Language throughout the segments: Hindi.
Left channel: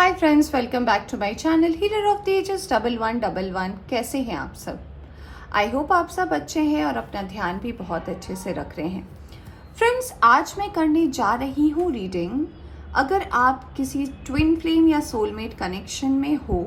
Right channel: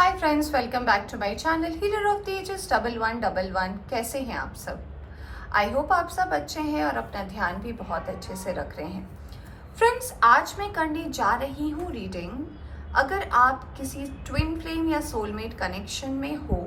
Hi friends, welcome back to my channel healer of the ages 1111। कैसे हैं आप सब? आई होप आप सब अच्छे हैं और अपना ध्यान भी बहुत अच्छे से रख रहे हैं। फ्रेंड्स, आज मैं करने जा रही हूँ रीडिंग। अगर आप किसी ट्विन फ्लेम या सोलमेट कनेक्शन में हो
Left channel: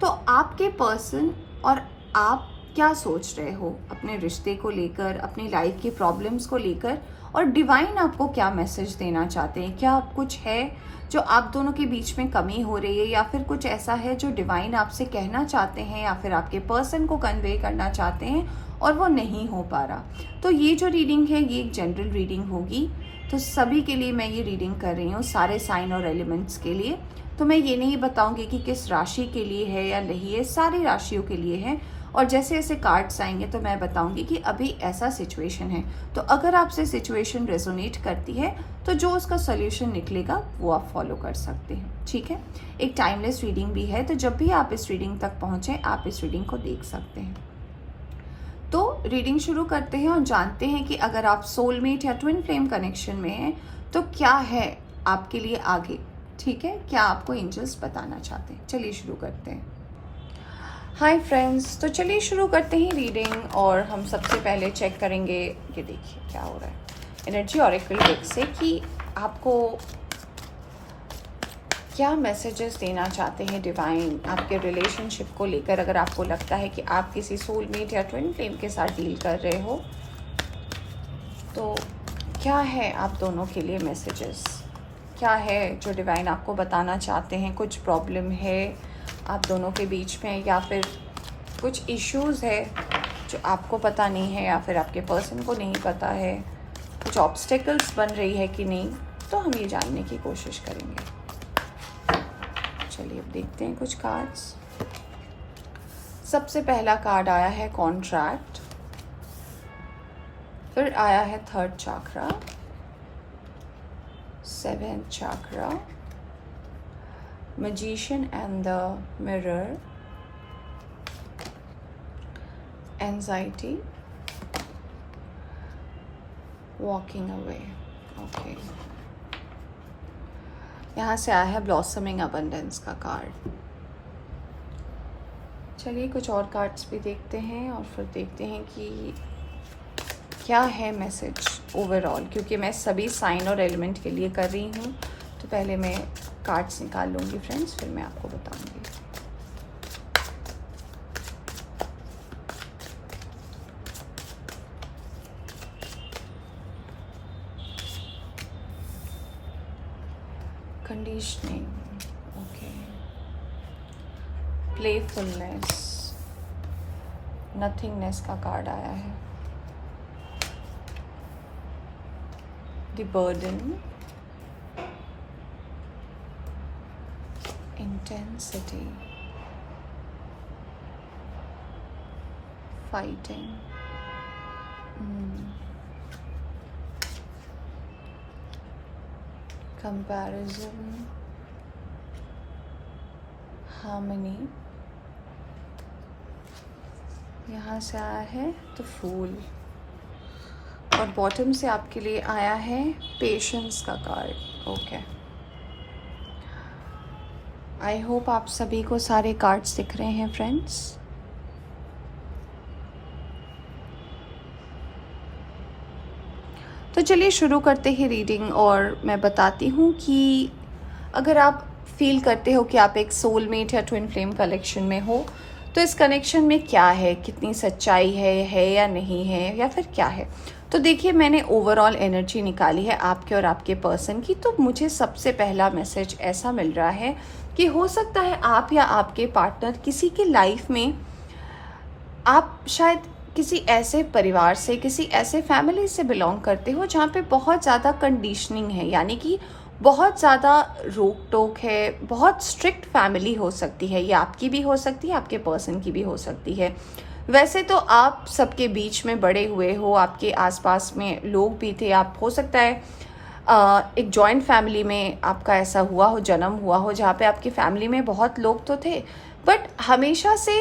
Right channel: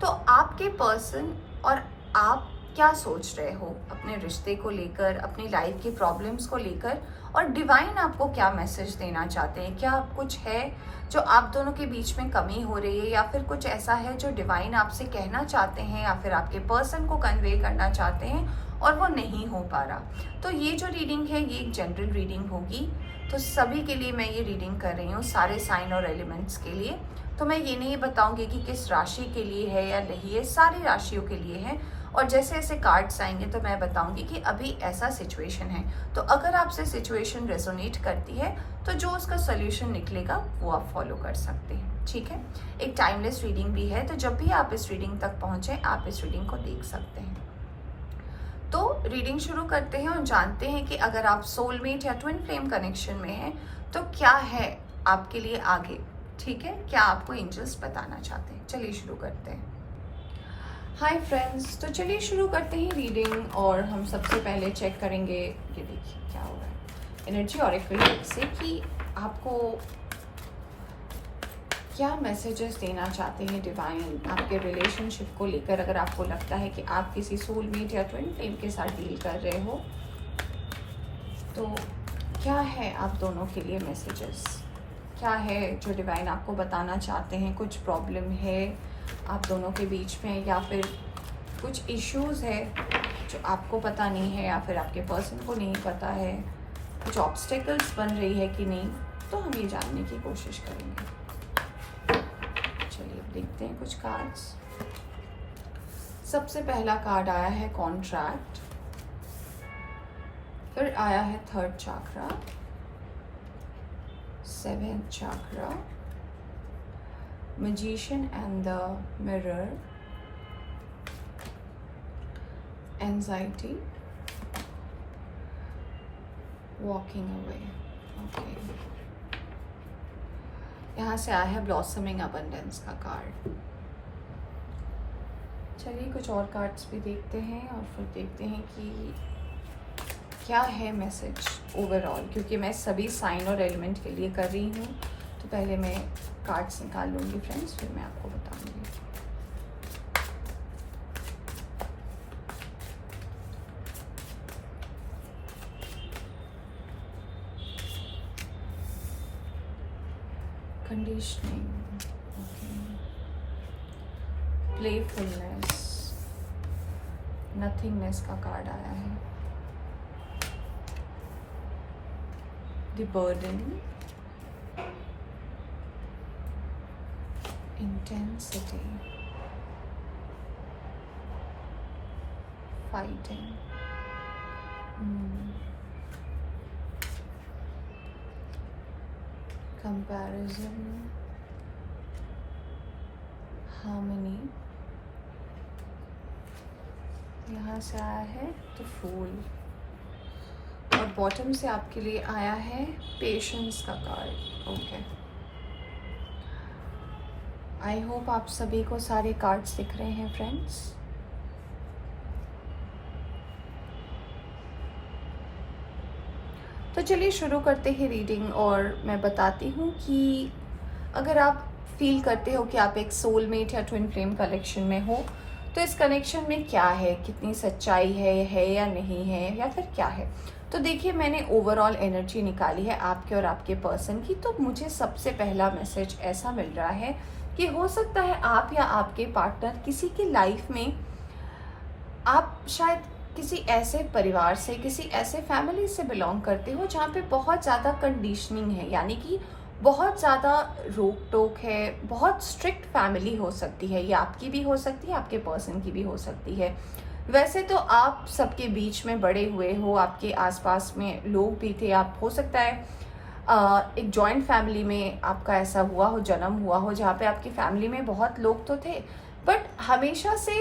तो आपके पर्सन और आप क्या सोच रहे हो अपने रिश्ते को लेकर, अपनी लाइफ की प्रॉब्लम्स को लेकर, और डिवाइन आपको क्या मैसेज देना चाहते हैं। क्या कुछ है जो आप दोनों के बीच में कमी हो रही है, या फिर कुछ ऐसा है जो डिवाइन आपसे कहना चाहते हैं या फिर आपके पर्सन को कन्वे करना चाहते हैं और वो नहीं हो पा रहा। तो ये जो रीडिंग है ये एक जनरल रीडिंग होगी, तो सभी के लिए मैं ये रीडिंग कर रही हूँ, सारे साइन और एलिमेंट्स के लिए। तो मैं ये नहीं बताऊंगी कि किस राशि के लिए है या नहीं है, सारी राशियों के लिए है। और जैसे जैसे कार्ड्स आएंगे तो मैं बताऊंगी कि अभी ऐसा सिचुएशन है, तो अगर आपसे सिचुएशन रेजोनेट करती है तो जो उसका सोल्यूशन निकलेगा वो आप फॉलो कर सकते हैं। ठीक है, एक टाइमलेस रीडिंग भी है, तो जब भी आप इस रीडिंग तक पहुंचे आप इस रीडिंग को देख सकते हैं। तो रीडिंग शुरू करते हैं और जानते हैं कि अगर आप सोलमेट या ट्विन फ्लेम कनेक्शन में हैं तो क्या है आपके लिए आगे। ठीक है, क्या आपको एंजल्स बताना चाहते हैं। चलिए शुरू करते हैं। हाय फ्रेंड्स, तो चलिए शुरू करते हैं रीडिंग। और हम सबसे पहले चेक करेंगे, ये देखिए क्या हो रहा है एनर्जी ऑरेकल डेक से, कि आपको क्या मैसेजेस देना चाहते हैं डिवाइन आपके रिलेशनशिप को लेकर। अगर आपको लगता है कि आप किसी सोलमेट या ट्विन फ्लेम के साथ डील कर रहे हो तो क्या है आप दोनों के लिए मैसेजेस, क्या है जो डिवाइन आपको बताना चाहते हैं। कुछ प्रॉब्लम है आप दोनों के बीच में, या फिर कुछ इश्यूज़ है जो आपको पता नहीं है या फिर आपके पर्सन को नहीं पता है, कुछ ऑब्स्टेकल्स बन रही है कि नहीं, तो हम ये जानने की कोशिश करेंगे। चलिए अब देखते हैं कुछ कार्ड्स। सबसे पहला कार्ड आया है कॉन्ट्रैक्ट, फिर आया है third chakra, seventh chakra, magician and the mirror, anxiety, walking away. Okay. यहाँ से आया है ब्लॉसमिंग अबंडेंस का कार्ड। चलिए कुछ और कार्ड्स भी देखते हैं और फिर देखते हैं कि क्या है मैसेज ओवरऑल, क्योंकि मैं सभी साइन और एलिमेंट के लिए कर रही हूँ। तो पहले मैं कार्ड्स निकाल लूँगी फ्रेंड्स, फिर मैं आपको बताऊँगी। कंडीशनिंग, ओके, प्लेफुलनेस, नथिंगनेस का कार्ड आया है, the burden, intensity, fighting, comparison, harmony। यहाँ से आया है द फूल, और बॉटम से आपके लिए आया है पेशेंस का कार्ड। ओके, आई होप आप सभी को सारे कार्ड्स दिख रहे हैं फ्रेंड्स। तो चलिए शुरू करते हैं रीडिंग, और मैं बताती हूँ कि अगर आप फील करते हो कि आप एक सोलमेट या ट्विन फ्लेम कनेक्शन में हो तो इस कनेक्शन में क्या है, कितनी सच्चाई है या नहीं है, या फिर क्या है। तो देखिए, मैंने ओवरऑल एनर्जी निकाली है आपके और आपके पर्सन की। तो मुझे सबसे पहला मैसेज ऐसा मिल रहा है कि हो सकता है आप या आपके पार्टनर किसी के लाइफ में, आप शायद किसी ऐसे परिवार से, किसी ऐसे फैमिली से बिलोंग करते हो जहाँ पे बहुत ज़्यादा कंडीशनिंग है, यानी कि बहुत ज़्यादा रोक टोक है, बहुत स्ट्रिक्ट फैमिली हो सकती है। ये आपकी भी हो सकती है, आपके पर्सन की भी हो सकती है। वैसे तो आप सबके बीच में बड़े हुए हो, आपके आसपास में लोग भी थे, आप हो सकता है एक जॉइंट फैमिली में आपका ऐसा हुआ हो, जन्म हुआ हो जहाँ पे आपकी फैमिली में बहुत लोग तो थे, बट हमेशा से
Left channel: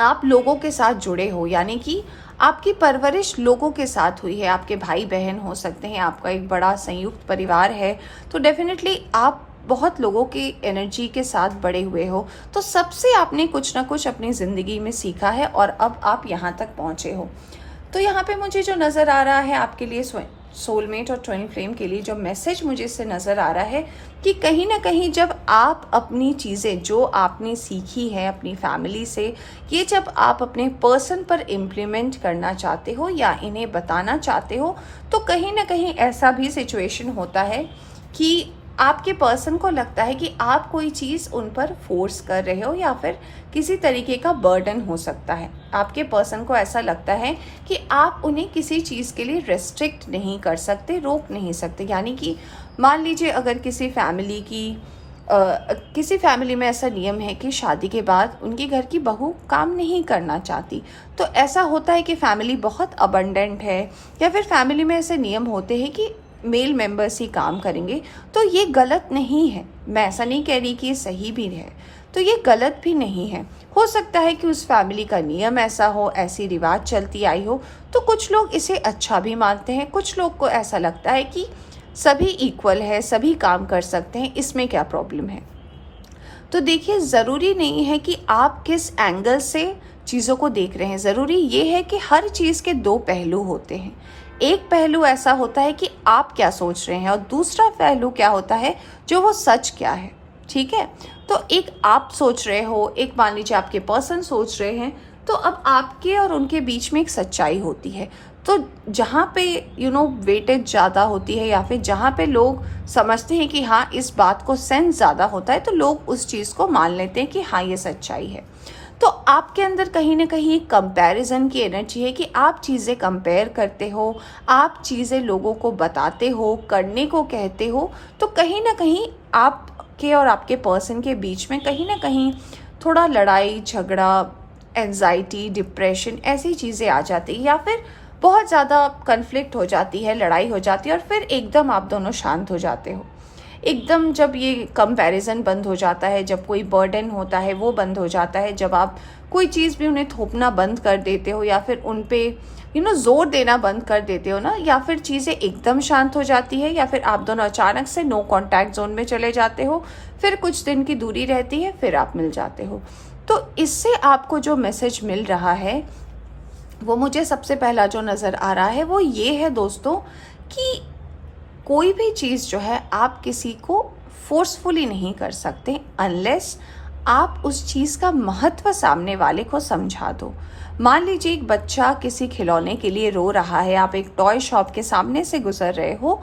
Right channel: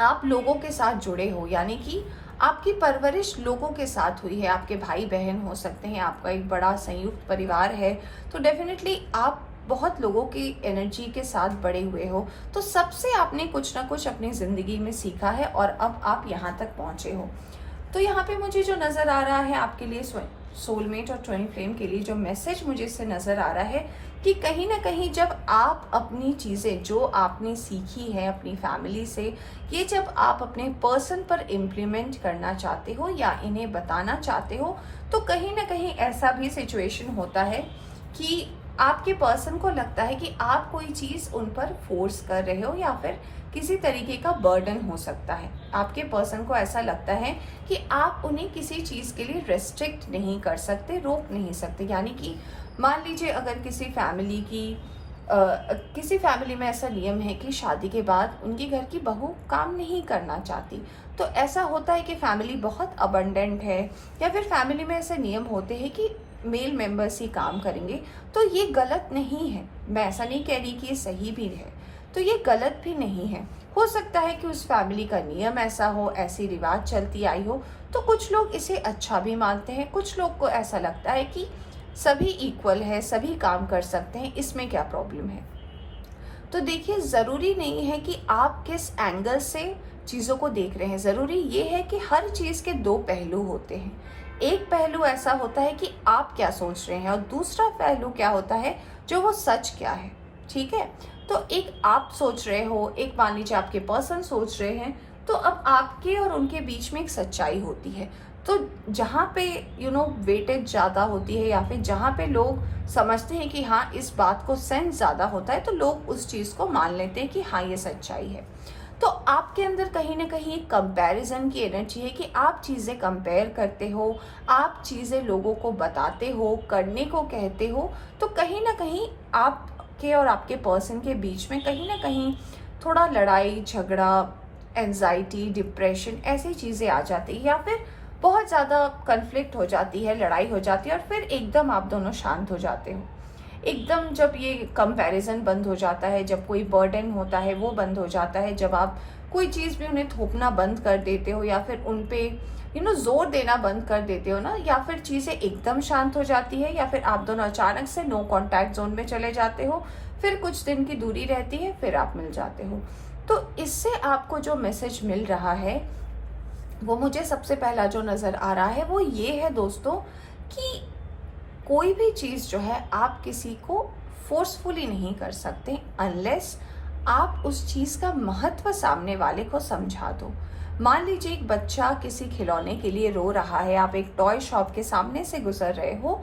आप लोगों के साथ जुड़े हो, यानी कि आपकी परवरिश लोगों के साथ हुई है। आपके भाई बहन हो सकते हैं, आपका एक बड़ा संयुक्त परिवार है, तो डेफिनेटली आप बहुत लोगों की एनर्जी के साथ बड़े हुए हो, तो सबसे आपने कुछ ना कुछ अपनी ज़िंदगी में सीखा है और अब आप यहाँ तक पहुँचे हो। तो यहाँ पे मुझे जो नज़र आ रहा है आपके लिए, सोलमेट और ट्विन फ्लेम के लिए जो मैसेज मुझे इससे नज़र आ रहा है कि कहीं ना कहीं जब आप अपनी चीज़ें जो आपने सीखी है अपनी फैमिली से, ये जब आप अपने पर्सन पर इम्प्लीमेंट करना चाहते हो या इन्हें बताना चाहते हो, तो कहीं ना कहीं ऐसा भी सिचुएशन होता है कि आपके पर्सन को लगता है कि आप कोई चीज़ उन पर फोर्स कर रहे हो या फिर किसी तरीके का बर्डन हो सकता है। आपके पर्सन को ऐसा लगता है कि आप उन्हें किसी चीज़ के लिए रेस्ट्रिक्ट नहीं कर सकते, रोक नहीं सकते। यानी कि मान लीजिए अगर किसी फैमिली में ऐसा नियम है कि शादी के बाद उनके घर की बहू काम नहीं करना चाहती, तो ऐसा होता है कि फैमिली बहुत अबंडेंट है या फिर फैमिली में ऐसे नियम होते हैं कि मेल मेंबर्स ही काम करेंगे। तो ये गलत नहीं है, मैं ऐसा नहीं कह रही कि ये सही भी है, तो ये गलत भी नहीं है। हो सकता है कि उस फैमिली का नियम ऐसा हो, ऐसी रिवाज चलती आई हो, तो कुछ लोग इसे अच्छा भी मानते हैं, कुछ लोग को ऐसा लगता है कि सभी इक्वल है, सभी काम कर सकते हैं, इसमें क्या प्रॉब्लम है। तो देखिए, ज़रूरी नहीं है कि आप किस एंगल से चीज़ों को देख रहे हैं, ज़रूरी ये है कि हर चीज़ के दो पहलू होते हैं। एक पहलू ऐसा होता है कि आप क्या सोच रहे हैं और दूसरा पहलू क्या होता है जो वो सच क्या है। ठीक है, तो एक आप सोच रहे हो, एक मान लीजिए आपके पर्सन सोच रहे हैं, तो अब आपके और उनके बीच में एक सच्चाई होती है। तो जहाँ पे वेटेज ज़्यादा होती है या फिर जहाँ पे लोग समझते हैं कि हाँ इस बात को सेंस ज़्यादा होता है, तो लोग उस चीज़ को मान लेते हैं कि हाँ ये सच्चाई है। तो आपके अंदर कहीं ना कहीं कंपैरिजन की एनर्जी है कि आप चीज़ें कंपेयर करते हो, आप चीज़ें लोगों को बताते हो, करने को कहते हो, तो कहीं ना कहीं आपके और आपके पर्सन के बीच में कहीं ना कहीं थोड़ा लड़ाई झगड़ा, एंजाइटी, डिप्रेशन, ऐसी चीज़ें आ जाती है या फिर बहुत ज़्यादा कन्फ्लिक्ट हो जाती है, लड़ाई हो जाती है और फिर एकदम आप दोनों शांत हो जाते हो। एकदम जब ये कंपैरिजन बंद हो जाता है, जब कोई बर्डन होता है वो बंद हो जाता है, जब आप कोई चीज़ भी उन्हें थोपना बंद कर देते हो या फिर उन पे जोर देना बंद कर देते हो ना, या फिर चीज़ें एकदम शांत हो जाती है या फिर आप दोनों अचानक से नो कॉन्टैक्ट जोन में चले जाते हो, फिर कुछ दिन की दूरी रहती है, फिर आप मिल जाते हो। तो इससे आपको जो मैसेज मिल रहा है वो मुझे सबसे पहला जो नज़र आ रहा है वो ये है दोस्तों कि कोई भी चीज़ जो है आप किसी को फोर्सफुली नहीं कर सकते अनलेस आप उस चीज़ का महत्व सामने वाले को समझा दो। मान लीजिए एक बच्चा किसी खिलौने के लिए रो रहा है, आप एक टॉय शॉप के सामने से गुजर रहे हो,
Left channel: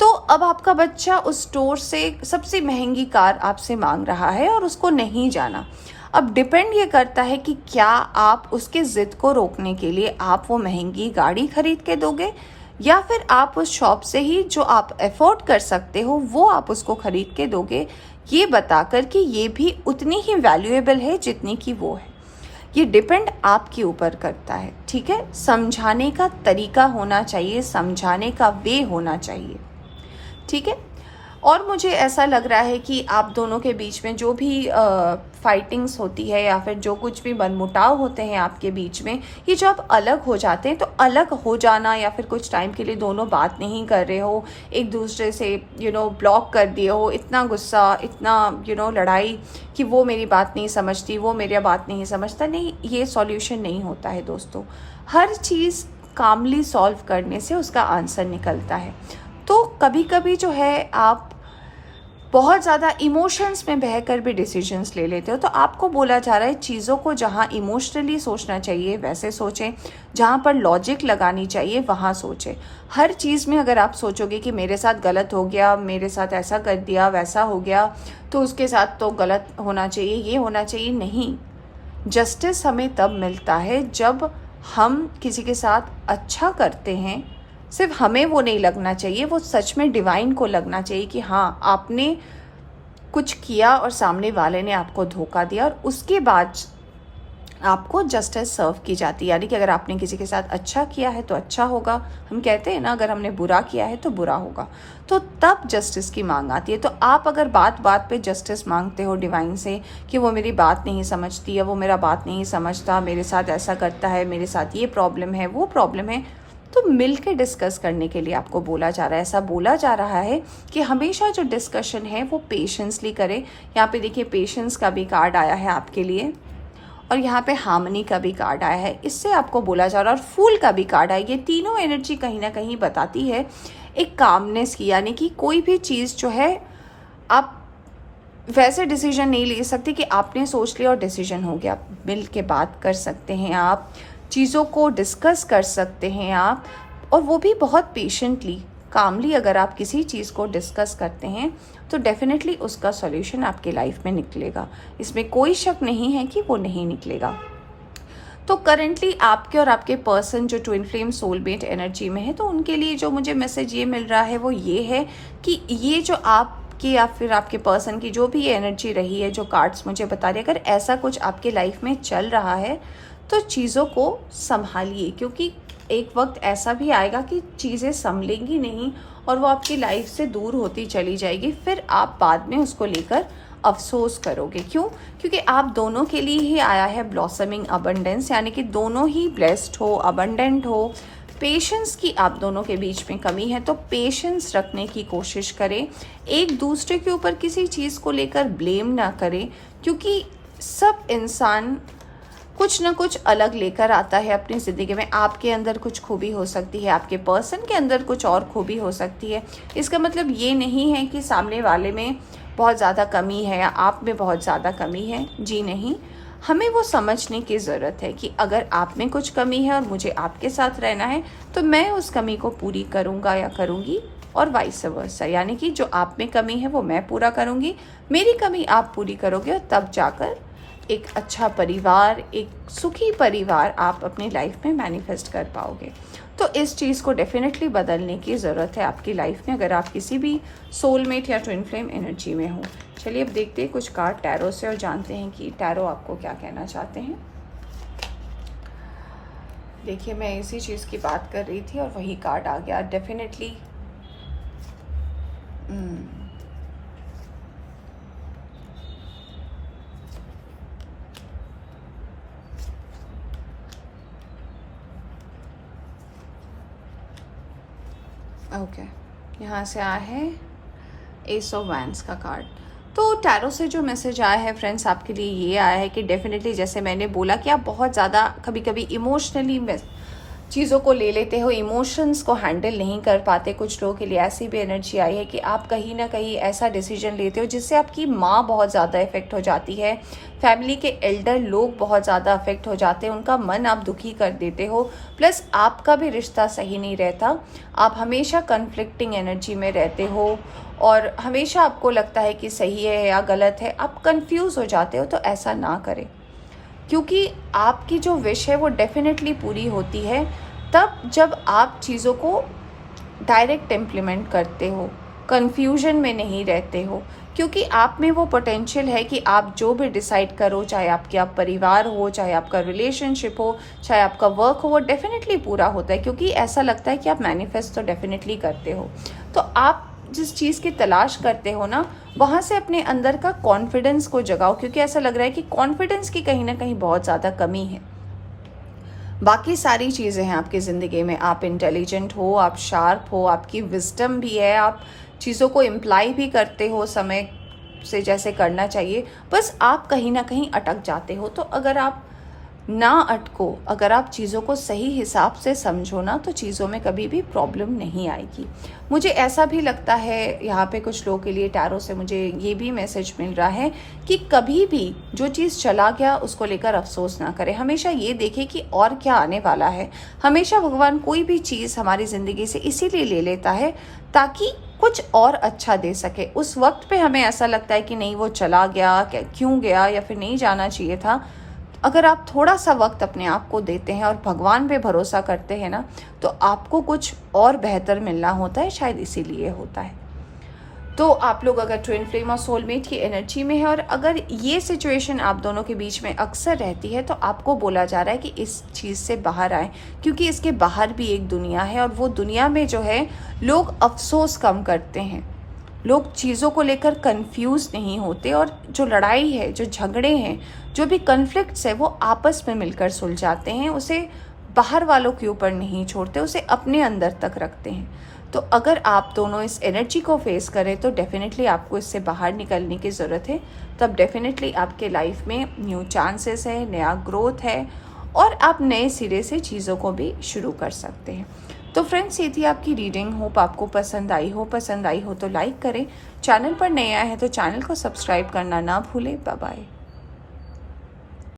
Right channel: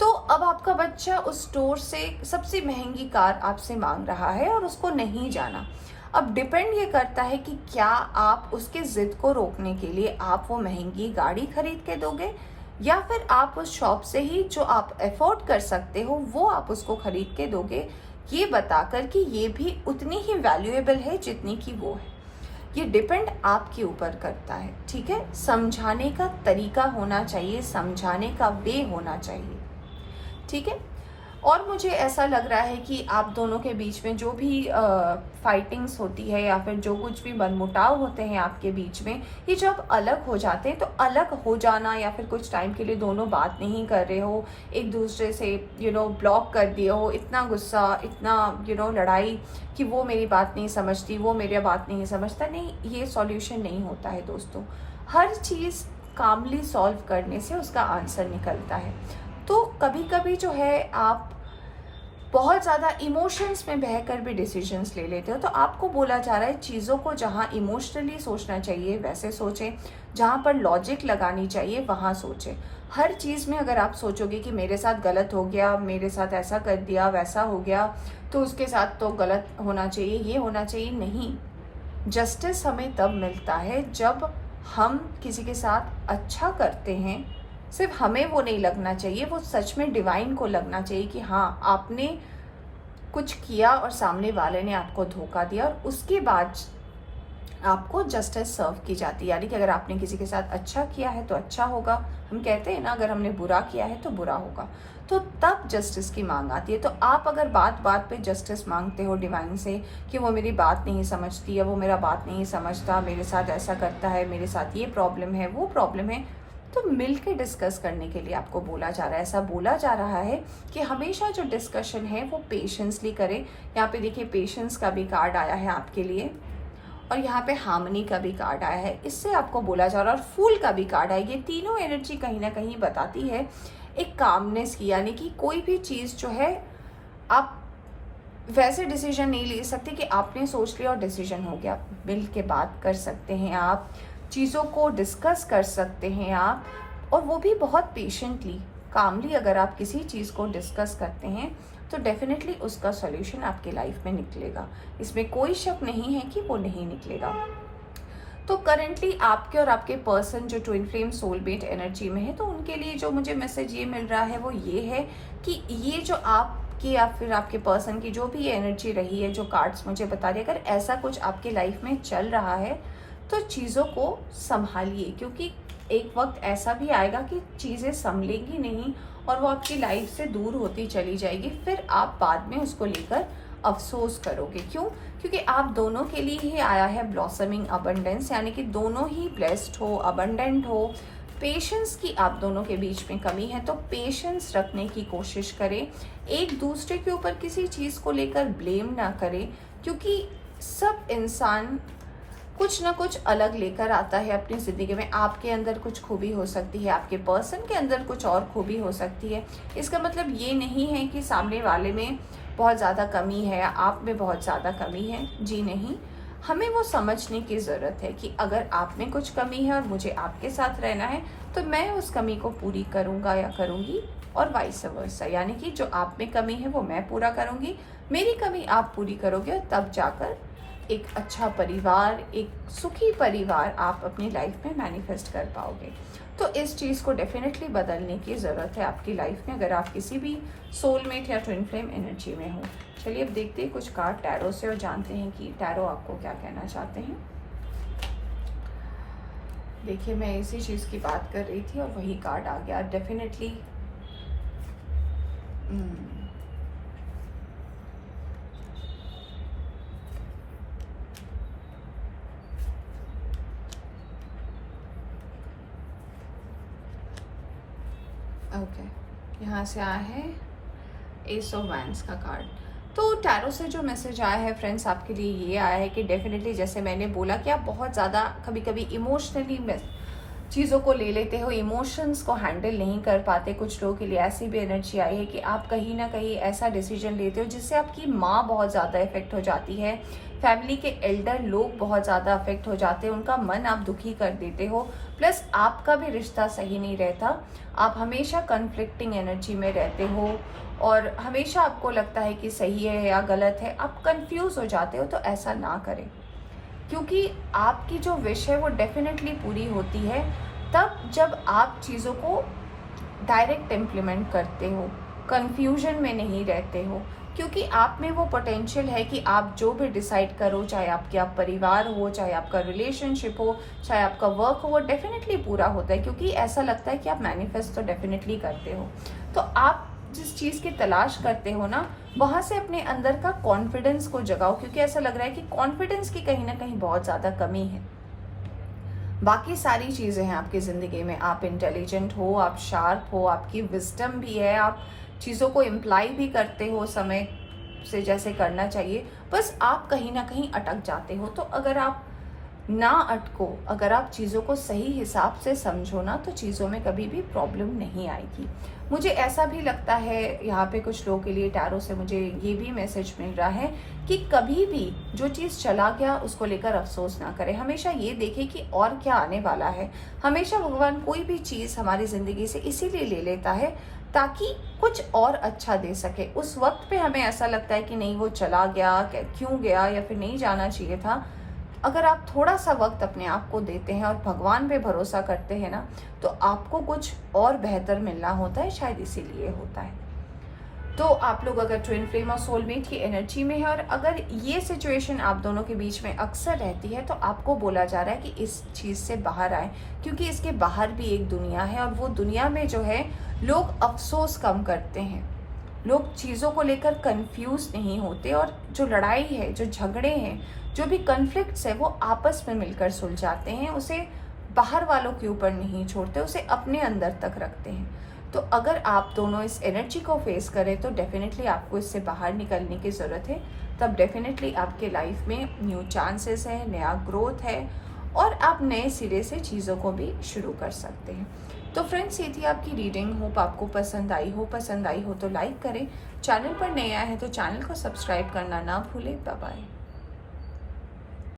तो अब आपका बच्चा उस स्टोर से सबसे महंगी कार आपसे मांग रहा है और उसको नहीं जाना। अब डिपेंड ये करता है कि क्या आप उसके ज़िद को रोकने के लिए आप वो महंगी गाड़ी खरीद के दोगे या फिर आप उस शॉप से ही जो आप अफोर्ड कर सकते हो वो आप उसको खरीद के दोगे, ये बताकर कि ये भी उतनी ही वैल्यूएबल है जितनी कि वो है। ये डिपेंड आपके ऊपर करता है। ठीक है, समझाने का तरीका होना चाहिए, समझाने का वे होना चाहिए। ठीक है, और मुझे ऐसा लग रहा है कि आप दोनों के बीच में जो भी फाइटिंग्स होती है या फिर जो कुछ भी मनमुटाव होते हैं आपके बीच में, ये जब अलग हो जाते हैं तो अलग हो जाना या फिर कुछ टाइम के लिए दोनों बात नहीं कर रहे हो, एक दूसरे से ब्लॉक कर दिए हो, इतना गुस्सा, इतना लड़ाई कि वो मेरी बात नहीं समझती, वो मेरी बात नहीं समझता, नहीं, ये सॉल्यूशन नहीं होता है दोस्तों। हर चीज़ कामली सॉल्व करने से उसका आंसर निकलता है। तो कभी कभी जो है आप बहुत ज़्यादा इमोशंस में बहकर भी डिसीजंस ले लेते हो, तो आपको बोला जा रहा है चीज़ों को जहाँ इमोशनली सोचना चाहिए वैसे सोचें, जहाँ पर लॉजिक लगानी चाहिए वहाँ सोचें। हर चीज़ में अगर आप सोचोगे कि मेरे साथ गलत हो गया, मेरे साथ ऐसा कर दिया, वैसा हो गया, तो उसके साथ तो गलत होना चाहिए, ये होना चाहिए, नहीं। जस्टिस हमें तब मिलता है जब हम किसी के साथ अच्छा करते हैं, सिर्फ हमें वो नहीं लगना चाहिए, वो सच में डिवाइन को लगना चाहिए कि हाँ आपने कुछ किया और सामने वाले ने आपको धोखा दिया, और उसके बाद आपको जस्टिस सर्व की जाती है। यानी कि अगर आपने किसी के साथ अच्छा किया है तो अच्छा होगा, हम कहते हैं ना, अगर हमने बुरा किया है तो बुरा होगा, तो तब जस्टिस की मांग आती है। तो आप अगर बात बात पे जस्टिस मांगते हो डिवाइन से कि वो मेरी बात नहीं समझती है, वो मेरा बात नहीं समझता, मेरे साथ ऐसा करता है, मेरे साथ ये प्रॉब्लम है, वो प्रॉब्लम है, तो मिल के डिस्कस करने के लिए आपको बोला जा रहा है। ऐसा बोला जा रहा है कि हमेशा जो डिस्कशन है वो पेशेंसली करें। यहाँ पे देखिए पेशेंस का भी कार्ड आया है आपके लिए, और यहाँ पे हार्मनी का भी कार्ड आया है। इससे आपको बोला जा रहा है, और फूल का भी कार्ड आया। ये तीनों एनर्जी कहीं ना कहीं बताती है एक कामनेस की, यानी कि कोई भी चीज़ जो है आप वैसे डिसीजन नहीं ले सकते कि आपने सोच लिया और डिसीजन हो गया। मिल के बात कर सकते हैं आप, चीज़ों को डिस्कस कर सकते हैं आप, और वो भी बहुत पेशेंटली, कामली। अगर आप किसी चीज़ को डिस्कस करते हैं तो डेफिनेटली उसका सॉल्यूशन आपके लाइफ में निकलेगा। इसमें कोई शक नहीं है कि वो नहीं निकलेगा। तो करंटली आपके और आपके पर्सन जो ट्विन फ्लेम सोलमेट एनर्जी में है, तो उनके लिए जो मुझे मैसेज ये मिल रहा है वो ये है कि ये जो आपकी या फिर आपके पर्सन की जो भी एनर्जी रही है, जो कार्ड्स मुझे बता रहे हैं, अगर ऐसा कुछ आपके लाइफ में चल रहा है तो चीज़ों को संभालिए, क्योंकि एक वक्त ऐसा भी आएगा कि चीज़ें संभलेंगी नहीं और वो आपकी लाइफ से दूर होती चली जाएगी। फिर आप बाद में उसको लेकर अफसोस करोगे। क्यों? क्योंकि आप दोनों के लिए ही आया है ब्लॉसमिंग अबंडेंस, यानी कि दोनों ही ब्लेस्ड हो, अबंडेंट हो। पेशेंस की आप दोनों के बीच में कमी है, तो पेशेंस रखने की कोशिश करें। एक दूसरे के ऊपर किसी चीज़ को लेकर ब्लेम ना करें, क्योंकि सब इंसान कुछ ना कुछ अलग लेकर आता है अपनी ज़िंदगी में। आपके अंदर कुछ खूबी हो सकती है, आपके पर्सन के अंदर कुछ और खूबी हो सकती है। इसका मतलब ये नहीं है कि सामने वाले में बहुत ज़्यादा कमी है या आप में बहुत ज़्यादा कमी है। जी नहीं, हमें वो समझने की ज़रूरत है कि अगर आप में कुछ कमी है और मुझे आपके साथ रहना है, तो मैं उस कमी को पूरी करूँगा या करूँगी, और वाइस वर्सा, यानी कि जो आप में कमी है वो मैं पूरा करूँगी, मेरी कमी आप पूरी करोगे, और तब जाकर एक अच्छा परिवार, एक सुखी परिवार आप अपनी लाइफ में मैनिफेस्ट कर पाओगे। तो इस चीज़ को डेफिनेटली बदलने की ज़रूरत है आपकी लाइफ में, अगर आप किसी भी सोलमेट या ट्विन फ्लेम एनर्जी में हो। चलिए अब देखते हैं कुछ कार्ड टैरो से और जानते हैं कि टैरो आपको क्या कहना चाहते हैं। देखिए मैं इसी चीज़ की बात कर रही थी और वही कार्ड आ गया डेफिनेटली। ओके, यहाँ से आया है एस ऑफ वैंड्स का कार्ड। तो टैरो से जो मैसेज आया है फ्रेंड्स आपके लिए ये आया है कि डेफिनेटली जैसे मैंने बोला कि आप बहुत ज़्यादा कभी कभी इमोशनली चीज़ों को ले लेते हो, इमोशंस को हैंडल नहीं कर पाते। कुछ लोगों के लिए ऐसी भी एनर्जी आई है कि आप कहीं ना कहीं ऐसा डिसीजन लेते हो जिससे आपकी माँ बहुत ज़्यादा इफेक्ट हो जाती है, फैमिली के एल्डर लोग बहुत ज़्यादा अफेक्ट हो जाते हैं, उनका मन आप दुखी कर देते हो, प्लस आपका भी रिश्ता सही नहीं रहता। आप हमेशा कन्फ्लिक्टिंग एनर्जी में रहते हो और हमेशा आपको लगता है कि सही है या गलत है, आप कंफ्यूज हो जाते हो। तो ऐसा ना करें, क्योंकि आपकी जो विश है वो डेफिनेटली पूरी होती है तब जब आप चीज़ों को डायरेक्ट इम्प्लीमेंट करते हो, कन्फ्यूजन में नहीं रहते हो। क्योंकि आप में वो पोटेंशियल है कि आप जो भी डिसाइड करो, चाहे आपके आप परिवार हो, चाहे आपका रिलेशनशिप हो, चाहे आपका वर्क हो, वो डेफिनेटली पूरा होता है। क्योंकि ऐसा लगता है कि आप मैनिफेस्ट तो डेफिनेटली करते हो। तो आप जिस चीज़ की तलाश करते हो ना, वहाँ से अपने अंदर का कॉन्फिडेंस को जगाओ, क्योंकि ऐसा लग रहा है कि कॉन्फिडेंस की कहीं ना कहीं बहुत ज़्यादा कमी है। बाकी सारी चीज़ें हैं आपकी ज़िंदगी में, आप इंटेलिजेंट हो, आप शार्प हो, आपकी विजडम भी है, आप चीज़ों को इम्प्लाई भी करते हो समय से जैसे करना चाहिए, बस आप कहीं ना कहीं अटक जाते हो। तो अगर आप ना अटको, अगर आप चीज़ों को सही हिसाब से समझो ना, तो चीज़ों में कभी भी प्रॉब्लम नहीं आएगी। मुझे ऐसा भी लगता है यहाँ पे कुछ लोगों के लिए टैरो से मुझे ये भी मैसेज मिल रहा है कि कभी भी जो चीज़ चला गया उसको लेकर अफसोस ना करें, हमेशा ये देखें कि और क्या आने वाला है। हमेशा भगवान कोई भी चीज़ हमारी ज़िंदगी से इसीलिए ले लेता है ताकि कुछ और अच्छा दे सके। उस वक्त पे हमें ऐसा लगता है कि नहीं वो चला गया, क्यों गया, या फिर नहीं जाना चाहिए था। अगर आप थोड़ा सा वक्त अपने आप को देते हैं और भगवान पे भरोसा करते हैं ना, तो आपको कुछ और बेहतर मिलना होता है, शायद इसीलिए होता है। तो आप लोग अगर ट्विन फ्लेम और सोलमेट की एनर्जी में है और अगर ये सिचुएशन आप दोनों के बीच में अक्सर रहती है, तो आपको बोला जा रहा है कि इस चीज़ से बाहर आए, क्योंकि इसके बाहर भी एक दुनिया है और वो दुनिया में जो है लोग अफसोस कम करते हैं, लोग चीज़ों को लेकर कंफ्यूज नहीं होते, और जो लड़ाई है, जो झगड़े हैं, जो भी कन्फ्लिक्ट्स है, वो आपस में मिलकर सुलझाते हैं, उसे बाहर वालों के ऊपर नहीं छोड़ते, उसे अपने अंदर तक रखते हैं। तो अगर आप दोनों इस एनर्जी को फेस करें तो डेफिनेटली आपको इससे बाहर निकलने की ज़रूरत है। तो अब डेफिनेटली आपके लाइफ में न्यू चांसेस है, नया ग्रोथ है और आप नए सिरे से चीज़ों को भी शुरू कर सकते हैं। तो फ्रेंड्स, ये थी आपकी रीडिंग। होप आपको पसंद आई हो तो लाइक करें। चैनल पर नए आए हैं तो चैनल को सब्सक्राइब करना ना भूलें। Bye bye.